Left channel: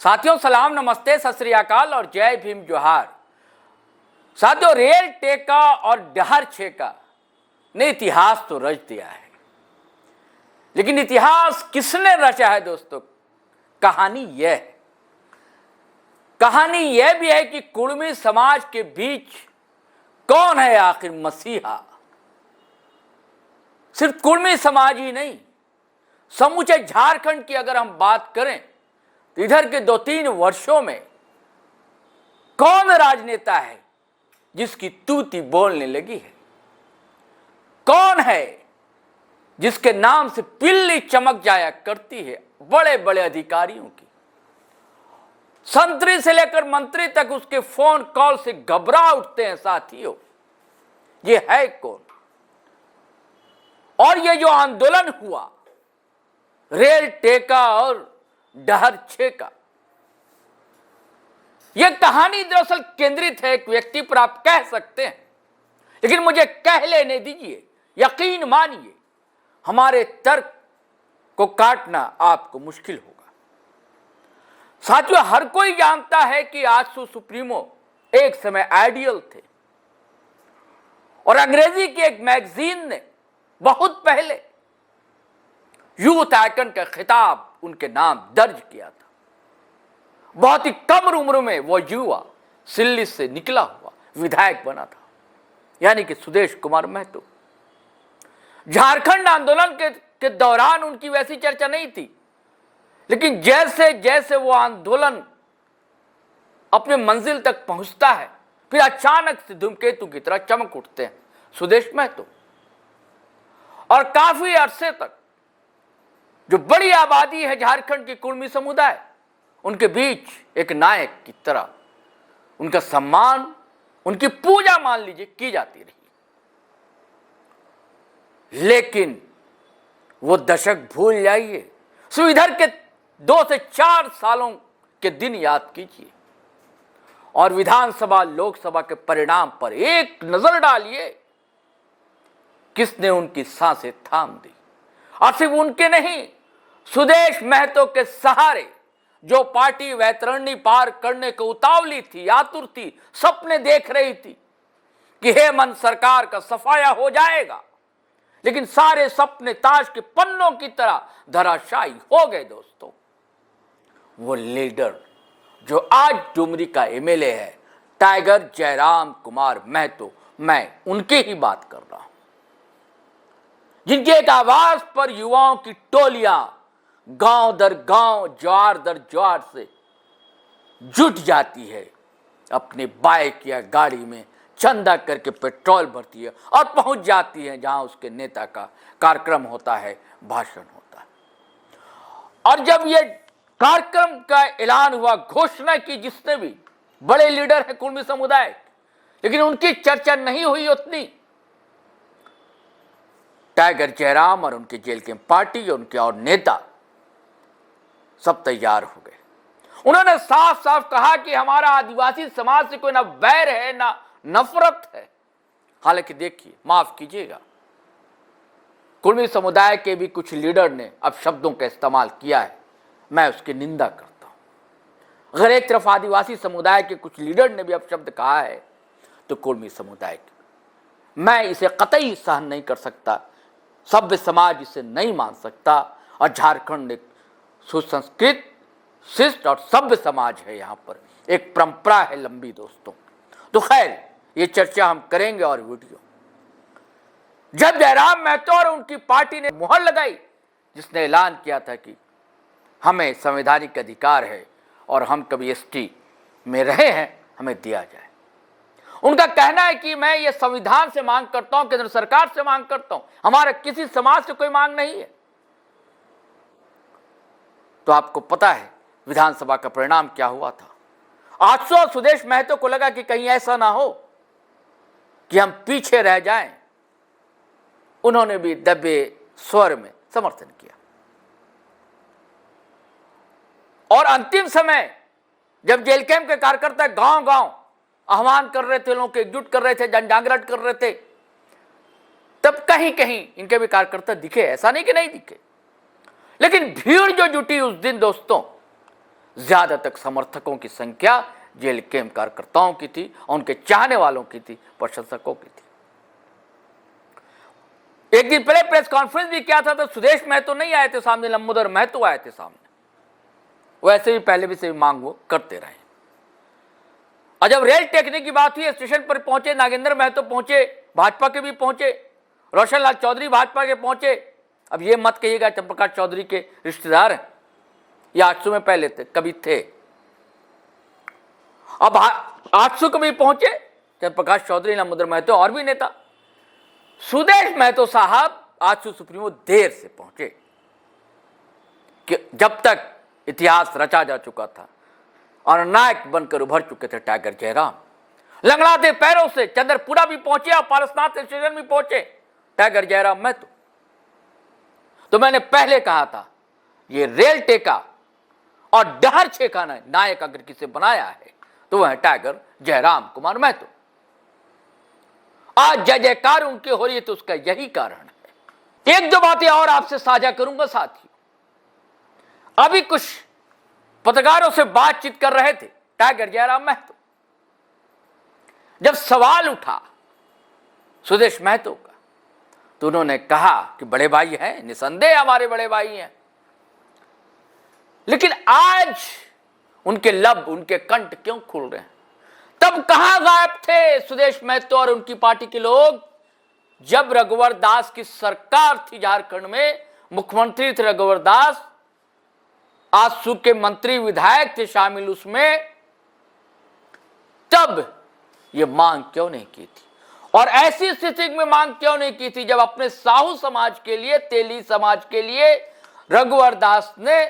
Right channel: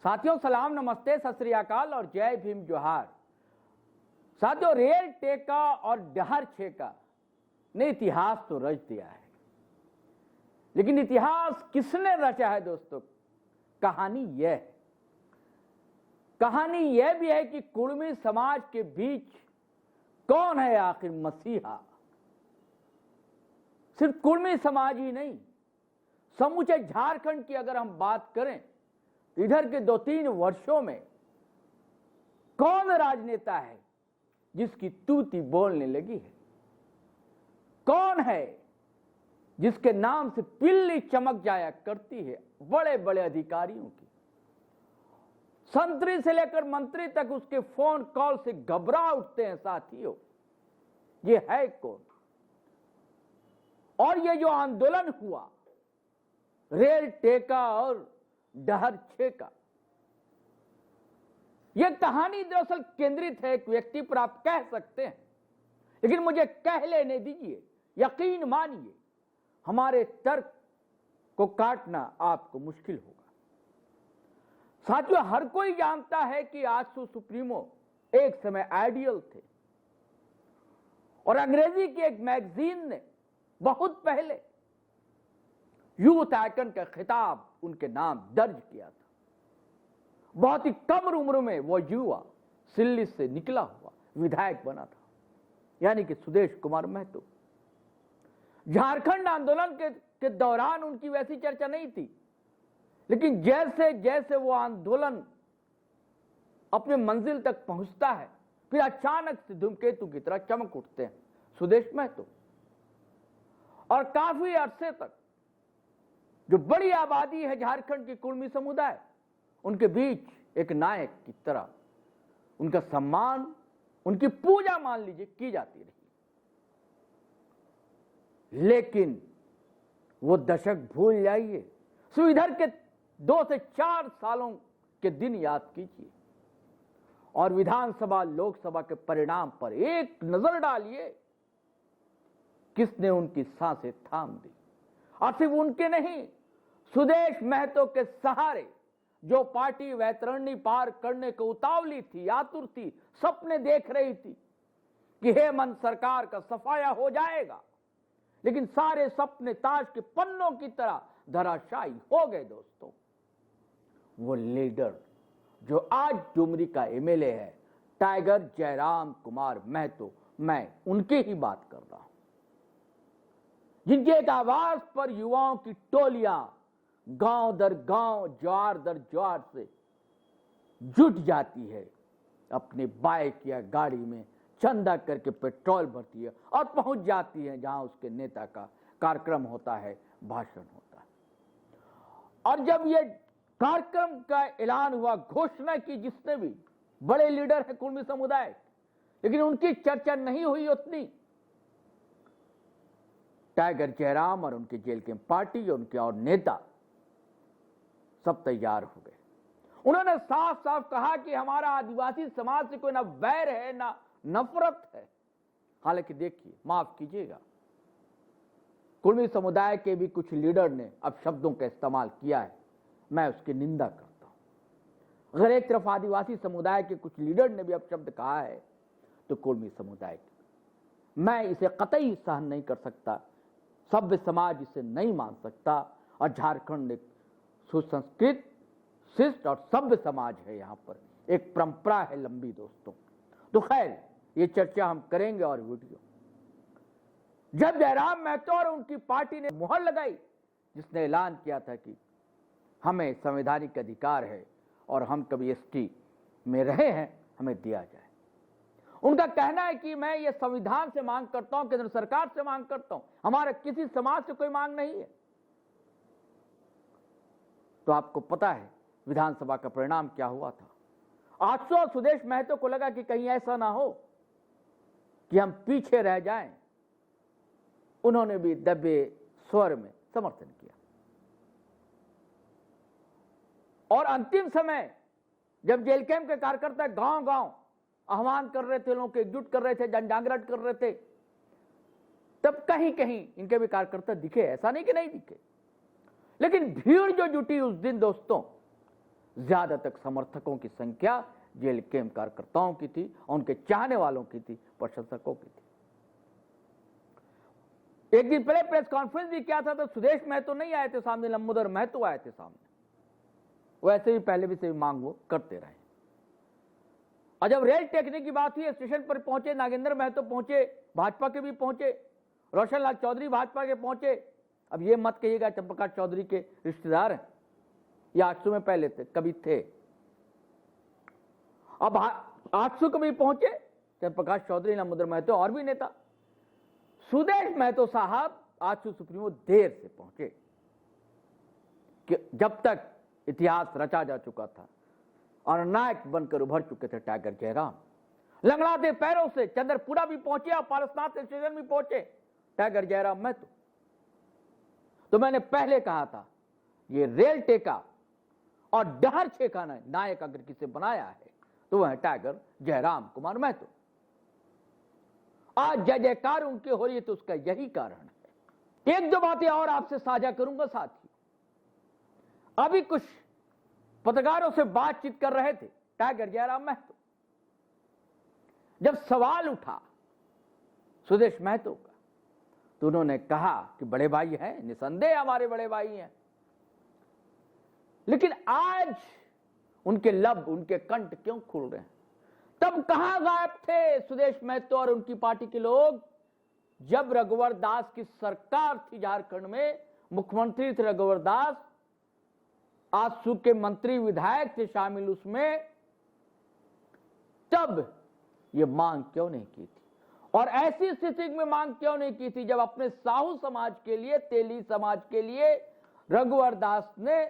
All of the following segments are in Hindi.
साथियों सलाम, नमस्ते, सत श्री अकाल और जय भीम जोहार। साथियों, रेल टेका और डहर छेका ने इतिहास तो रच दिया है, लेकिन इतिहास किसने रचा है दोस्तों? कहानी यह भी है कि कुर्मी समाज के बीच कौन है आखिर मसीहा। सिर्फ कुर्मी समाज ही नहीं, समूचे झारखंड की अगर हम बात करें तो इधर के 2-3 वर्षों में कौन राजनेता है जिसकी तूती बोलने लगी है? कौन है जिसके नाम से पिल्ली चमक जाया करती है बड़े बड़े अधिकारियों की? संतरी से लेकर मंत्री तक उसके फोन कॉल से घबरा उठते हैं साथियों। ये है कौन? और ये जो आंदोलन हुआ रेल टेका और डहर छेका, यह कहानी दरअसल केंद्रित है एक व्यक्ति पर, आप कह सकते हैं, लेकिन मुझे कह लेने दीजिए। यकीन मानिए, हमारे तर्क को काटना आपको मुश्किल होगा। साथियों, हर कोई जानता है कि आजसू सुप्रीमो एक समय आइडियल थे और अंग्रेजी की एक मैगजीन ने बहुत पहले यूथ आइकन का खिताब उनके नाम दर्ज किया था। बहुत ही कम उम्र में वो युवा सिल्ली से निकला हुआ विधायक बना था, यानी कि सुदेश कुमार महतो। झारखंड आंदोलन के दौरान उनकी वैसी चर्चा नहीं थी, लेकिन जैसे जैसे वो आंदोलन अपने मंजिल तक पहुंचता है, फिर अचानक से धूमकेतु की तरह चमक उठते हैं सुदेश महतो। और काफी अरसे तक जो बड़ी आबादी है झारखंड की कुर्मी समुदाय, उनके बीच एक नायक की तरह उनका सम्मान, उनकी पूजा मान लीजिए की जाती रही। लेकिन वो दशक भूल जाइए, सो इधर के 2 से 4 सालों के दिन याद कीजिए और विधानसभा लोकसभा के परिणाम पर एक नजर डालिए। किसने उनकी सांसें थाम दी? और सिर्फ उनके नहीं, सुदेश महतो के सहारे जो पार्टी वैतरणी पार करने को उतावली थी, आतुर थी, सपने देख रही थी कि हेमंत सरकार का सफाया हो जाएगा, लेकिन सारे सपने ताश के पन्नों की तरह धराशायी हो गए दोस्तों। वो लीडर जो आज डुमरी का एमएलए है, टाइगर जयराम कुमार महतो, मैं उनकी ही बात कर रहा हूं, जिनकी एक आवाज पर युवाओं की टोलियां गांव दर गांव, ज्वार दर ज्वार से जुट जाती है, अपने बाइक या गाड़ी में चंदा करके पेट्रोल भरती है और पहुंच जाती है जहां उसके नेता का कार्यक्रम होता है, भाषण होता है। और जब ये कार्यक्रम का ऐलान हुआ, घोषणा की जिसने भी, बड़े लीडर है कुर्मी समुदाय, लेकिन उनकी चर्चा नहीं हुई उतनी। टाइगर जयराम और उनके जेल के पार्टी और उनके और नेता सब तैयार हो गए। उन्होंने साफ साफ कहा कि हमारा आदिवासी समाज से कोई ना बैर है ना नफरत है। हालांकि देखिए, माफ कीजिएगा, कुर्मी समुदाय के भी कुछ लीडर ने अब शब्दों का इस्तेमाल किया है, मैं उसकी निंदा करता हूं। अगर एक तरफ आदिवासी समुदाय के कुछ लीडर ने भी अब शब्द कहा है, तो कुर्मी समुदाय के, मैं इसे कतई सहन नहीं कर सकता। सभ्य समाज इसे नहीं मान सकता और झारखंड एक सुसंस्कृत, शिष्ट और सभ्य समाज है। यहां पर एक परंपरा है लंबी दोस्तों। तो खैर, ये चर्चा हम करेंगे और वीडियो। जब जयराम महतो और उनकी पार्टी ने मुहर लगाई, जिसने ऐलान किया था कि हमें संवैधानिक अधिकार है और हम कभी एसटी में रहे हैं, हमें दिया जाए। उनका कहना है कि मैं ये संविधान से मांग करता हूं, केंद्र सरकार से मांग करता हूं, हमारा किसी समाज से कोई मांग नहीं है। तो आपको पता है विधानसभा का परिणाम क्या हुआ था। 800 सुदेश महतो को लगा कि कहीं ऐसा ना हो कि हम पीछे रह जाएं। उन्होंने भी दबे स्वर में समर्थन किया और अंतिम समय जब जेल कैंप के कार्यकर्ता गांव गांव आह्वान कर रहे थे, लोगों को एकजुट कर रहे थे, जन जागरण कर रहे थे, तब कहीं कहीं इनके भी कार्यकर्ता दिखे, ऐसा नहीं कि नहीं दिखे। लेकिन भीड़ जो जुटी उस दिन दोस्तों, ज्यादातर समर्थकों की संख्या जेल कैंप कार्यकर्ताओं की थी, उनके चाहने वालों की थी, प्रशंसकों की थी। एक दिन पहले प्रेस कॉन्फ्रेंस भी किया था तो सुदेश महतो नहीं आए थे सामने, लंबोदर महतो आए थे सामने। वैसे भी पहले भी से मांग वो करते रहे। और जब रेल टेकने की बात हुई, स्टेशन पर पहुंचे, नागेंद्र महतो पहुंचे, भाजपा के भी पहुंचे, रोशन लाल चौधरी भाजपा के पहुंचे। अब ये मत कहिएगा चंद्रप्रकाश चौधरी के रिश्तेदार हैं या 800 में पहले थे, कभी थे। अब 800 कभी पहुंचे चंद्रप्रकाश चौधरी, लंबोदर महतो और भी नेता। सुदेश महतो साहब 800 सुप्रीमो देर से पहुंचे कि जब तक इतिहास रचा जा चुका था और नायक बनकर उभर चुके थे टाइगर जयराम। लंगड़ाते पैरों से चंद्रपुरा भी पहुंचे और पारसनाथ स्टेशन भी पहुंचे टाइगर जयराम महतो। तो मैंने पहले कहा था ये रेल टेका और डहर छेका नायक अगर किसे बनाया है तो वह है टाइगर जयराम कुमार महतो। आज जय जयकार उनके हो रही है तो उसका यही कारण है। एक दो बातें और आपसे साझा करूंगा साथियों। अभी कुछ पत्रकारों से बातचीत कर रहे थे टाइगर जयराम महतो। जब सवाल उठा सुदेश महतो का तो उन्होंने कहा कि बड़े भाई हैं, निसंदेह हमारे बड़े भाई हैं, लेकिन आज उनके लब, उनके कंठ क्यों खुल रहे हैं? तब कहां गायब थे सुदेश महतो और उनकी पार्टी के लोग जब रघुवर दास की सरकार थी झारखंड में, मुख्यमंत्री थे रघुवर दास, आजसू के मंत्री विधायक थे शामिल उसमें, तब ये मांग क्यों नहीं की थी? और ऐसी स्थिति में मांग क्यों नहीं की थी जब अपने साहू समाज के लिए, तेली समाज के लिए रघुवर दास ने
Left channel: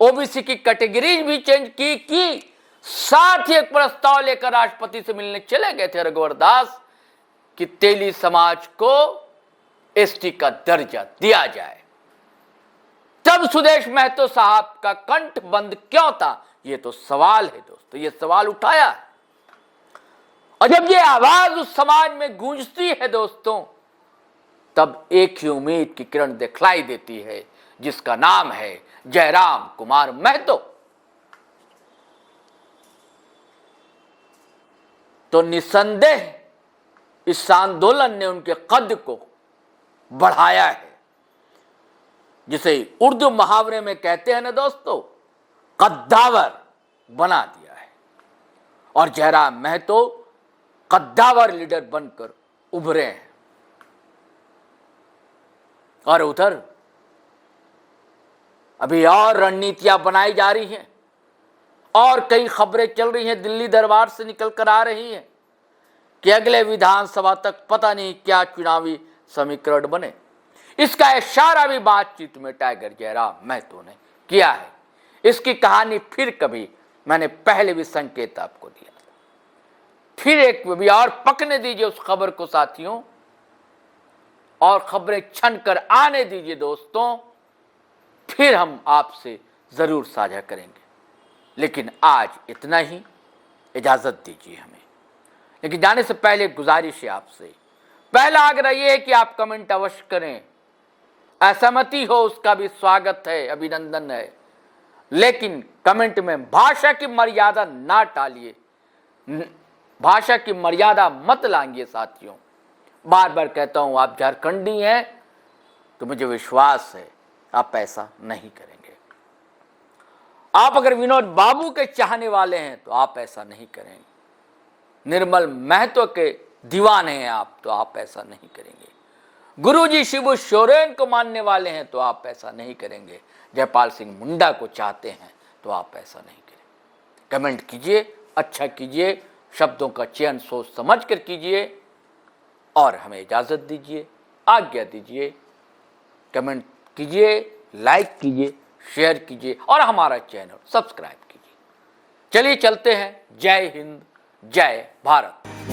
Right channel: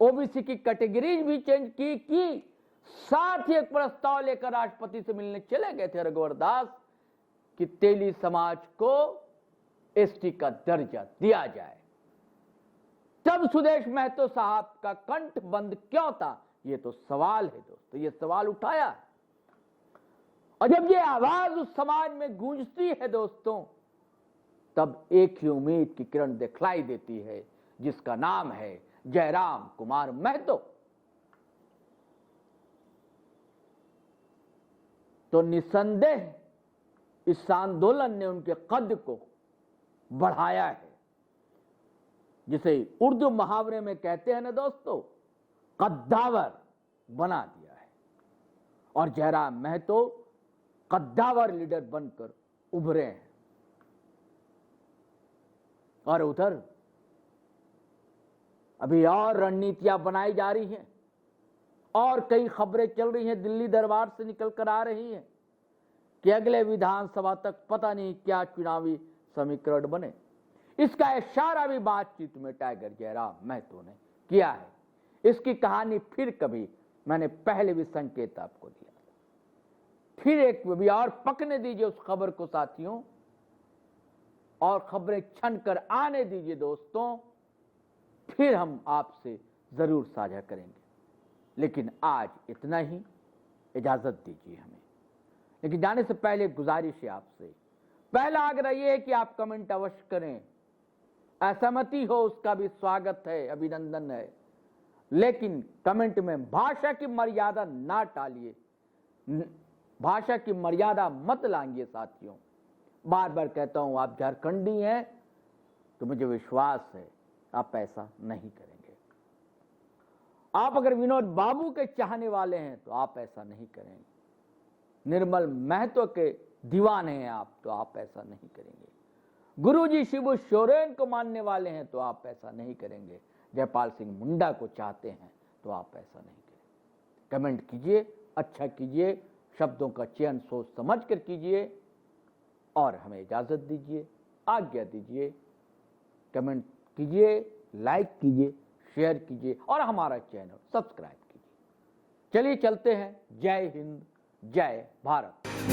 ओबीसी की कैटेगरीज भी चेंज की साथ ही एक प्रस्ताव लेकर राष्ट्रपति से मिलने चले गए थे रघुवर दास कि तेली समाज को एसटी का दर्जा दिया जाए। तब सुदेश महतो साहब का कंठ बंद क्यों था? ये तो सवाल है दोस्तों, ये सवाल उठाया है। और जब ये आवाज उस समाज में गूंजती है दोस्तों, तब एक ही उम्मीद की किरण दिखलाई देती है जिसका नाम है जयराम कुमार महतो। तो निसंदेह इस आंदोलन ने उनके कद को बढ़ाया है, जिसे उर्दू मुहावरे में कहते हैं ना दोस्तों, कद्दावर बना दिया है। और जयराम महतो कद्दावर लीडर बनकर उभरे हैं। और उधर अभी और रणनीतियां बनाई जा रही हैं और कई खबरें चल रही हैं, दिल्ली दरबार से निकल कर आ रही हैं कि अगले विधानसभा तक पता नहीं क्या चुनावी समीकरण बने। इसका इशारा भी बातचीत में टाइगर जयराम महतो ने किया है। इसकी कहानी फिर कभी मैंने पहले भी संकेत आपको दिया था, फिर एक भी और पकने दीजिए उस खबर को साथियों, और खबरें छन कर आने दीजिए दोस्तों, फिर हम आपसे जरूर साझा करेंगे। लेकिन आज इतना ही, इजाजत दीजिए हमें। लेकिन जाने से पहले गुजारिश है आपसे, पहला आग्रह यह है कि आप कमेंट अवश्य करें। असहमति हो उसका भी स्वागत है, अभिनंदन है, लेकिन कमेंट में भाषा की मर्यादा ना टालिए, भाषा की मर्यादा मत लांघिए साथियों। बार बार कहता हूं, आप झारखंडी हैं तो मुझे विश्वास है आप ऐसा नहीं करेंगे। आप अगर विनोद बाबू के चाहने वाले हैं तो आप ऐसा नहीं करेंगे, निर्मल महतो के दीवाने हैं आप तो आप ऐसा नहीं करेंगे, गुरुजी शिबू सोरेन को मानने वाले हैं तो आप ऐसा नहीं करेंगे, जयपाल सिंह मुंडा को चाहते हैं तो आप ऐसा नहीं करेंगे। कमेंट कीजिए, अच्छा कीजिए, शब्दों का चयन सोच समझ कर कीजिए और हमें इजाजत दीजिए, आज्ञा दीजिए। कमेंट कीजिए, लाइक कीजिए, शेयर कीजिए और हमारा चैनल सब्सक्राइब कीजिए। चलिए चलते हैं। जय हिंद, जय भारत।